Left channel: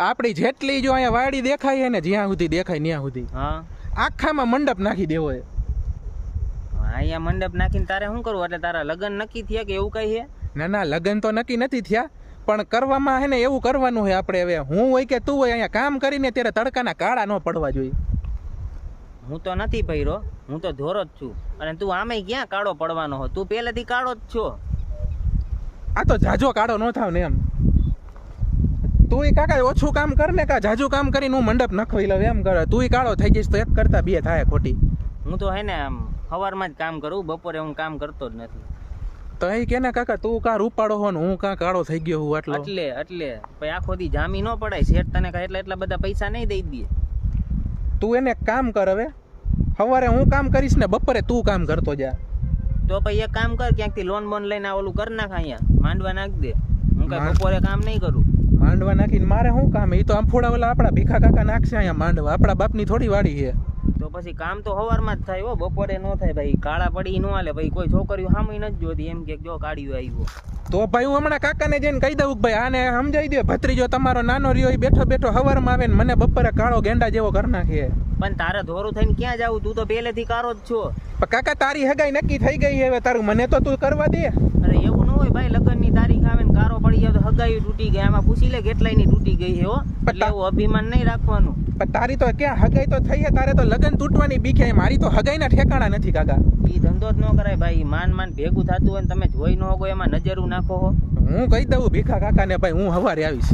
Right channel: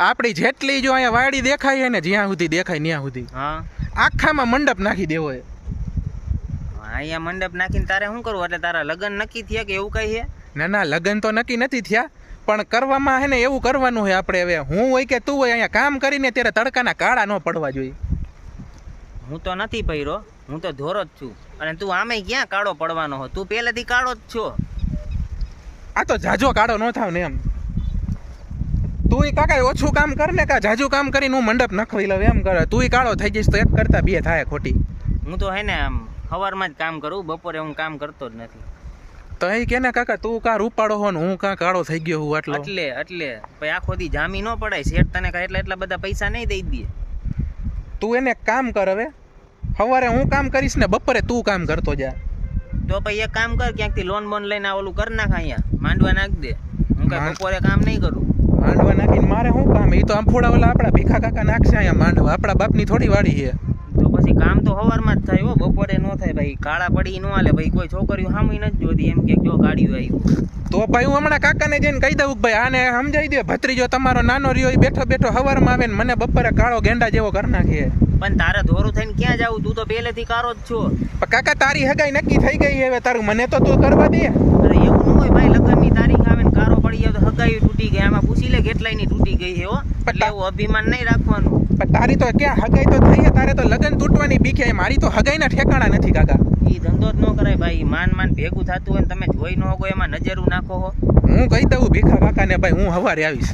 આપણી જેટલી જો અહીંયા વાડી દેખાય છે ને જ્યાં સુધી દેખાય ત્યાં સુધી હા આખામાં મંડપ નાખી દેવો છે. અહીંયા મંડપ નાખીને તારે શું કરવું? એટલે તારા લગ્ન નક્કી થયા કે એવું કઈ છે? ના લગ્ન તો નક્કી નથી થયા, પણ કરવામાં હે ને એવું કરવાનું હોય આપણે. હવે હું હોય કે તું હોય, અહીંયા કામ કરીને ત્યારે તડકાના કાળા ન પડવા જોઈએ. હું તો નથી પહેરો, હું તો ધોરો જ છું. અને તું આમે ક્યાં કાળો પડવાનો હો? તું પહેલેથી કાળો જ છો. આ તો જાજો કાળો ન થાવ ને એમ. તું કાકા ઓછું કામ કર ને, કા જાજુ કામ કરીને હું મંડપ નખવી લઉં એમ કરે. તું કાળો થઈ જઈશ તો એક કરતા બે થાય ખોટી. હું તો હે ને આમ સવારમાં જ કામ કરું, બપોરે હું કામ કરતો જ નથી. તો એ કે ને કાકા તું કા રૂપાળો હો ને હું કા કાળો થઈ ગયો હું આટલો. એટલે પછી આખો દી જામી ન પડાય. શેઠ તને કાંઈ એટલા બધા પૈસા નહીં દઈ દે. તું એને કામ કર, હવે સવારે હું કામ કરીશ ને બપોરે તું કામ કરતો જા. તો પછી એક કામ કર, ક્યાંકથી લોન બોન લઈને ઓલું કર નાખ, અહીંયા માંડવા નાખ દે. હું કાંઈ બપોરે કામ નહીં કરું. માંડવા નાખીને મારે શું કામ? એ તો આમફોડા ઓલા આપણા ભીખા કાકા નાખશે અહીંયા માંડવા. આપણા બાપની થોડી વાડી છે. તો પછી કામ તો સવારમાં જ થાય હો, બપોરે ન થાય ભાઈ. કાળા પડી ન હાલે ભાઈ. કોઈ છોકરીઓ સામે નથી જોતી એમ કે જો ગાડીઓ આવ્યું. તો ભાઈ હું હમણાં કાકાને જઈને કહી દઉં કે ભાઈ આને સમજાવી દે, ભત્રીજો તમારો નાનો રહ્યો એ બેઠો બેઠો સવારમાં આવે ને મને બપોરે કાળો ગેંડા જેવો કરી નાખે. પણ તારે ધોરું થઈને ક્યાં જાવું? તું તો પહેલેથી કાળો જ છો. પણ કાકા તારી હગાઈ નક્કી થઈ ગઈ હવે, તારું મને તો તું કરવા દે. અરે એવું ન હોય ભાઈ, લગ્નની તારીખ આવે ને કારો પડી જાય તો હગાઈ તૂટી ગઈ. આમાં પૂછી લે કેટલાયની તૂટી ગઈ છે હો. એટલે એવું અભિમાન નહીં રાખવાનું. પણ તારી તો ક્યાં હગાઈ તો થઈ છે, તારે તો લગ્ન તૂટવાની બીક છે. મારી તો હગાઈના ઠેકાણા નથી કાકા. એ ધંધો જ ન કરાય ભાઈ. માન ભેગું થતું હોય ને તમે જોઈ ન હોય એમાં નજરું નાખો હો. હું કહી દઉં ભીખા કાકાને ભાઈ હું સવારે આવીશ.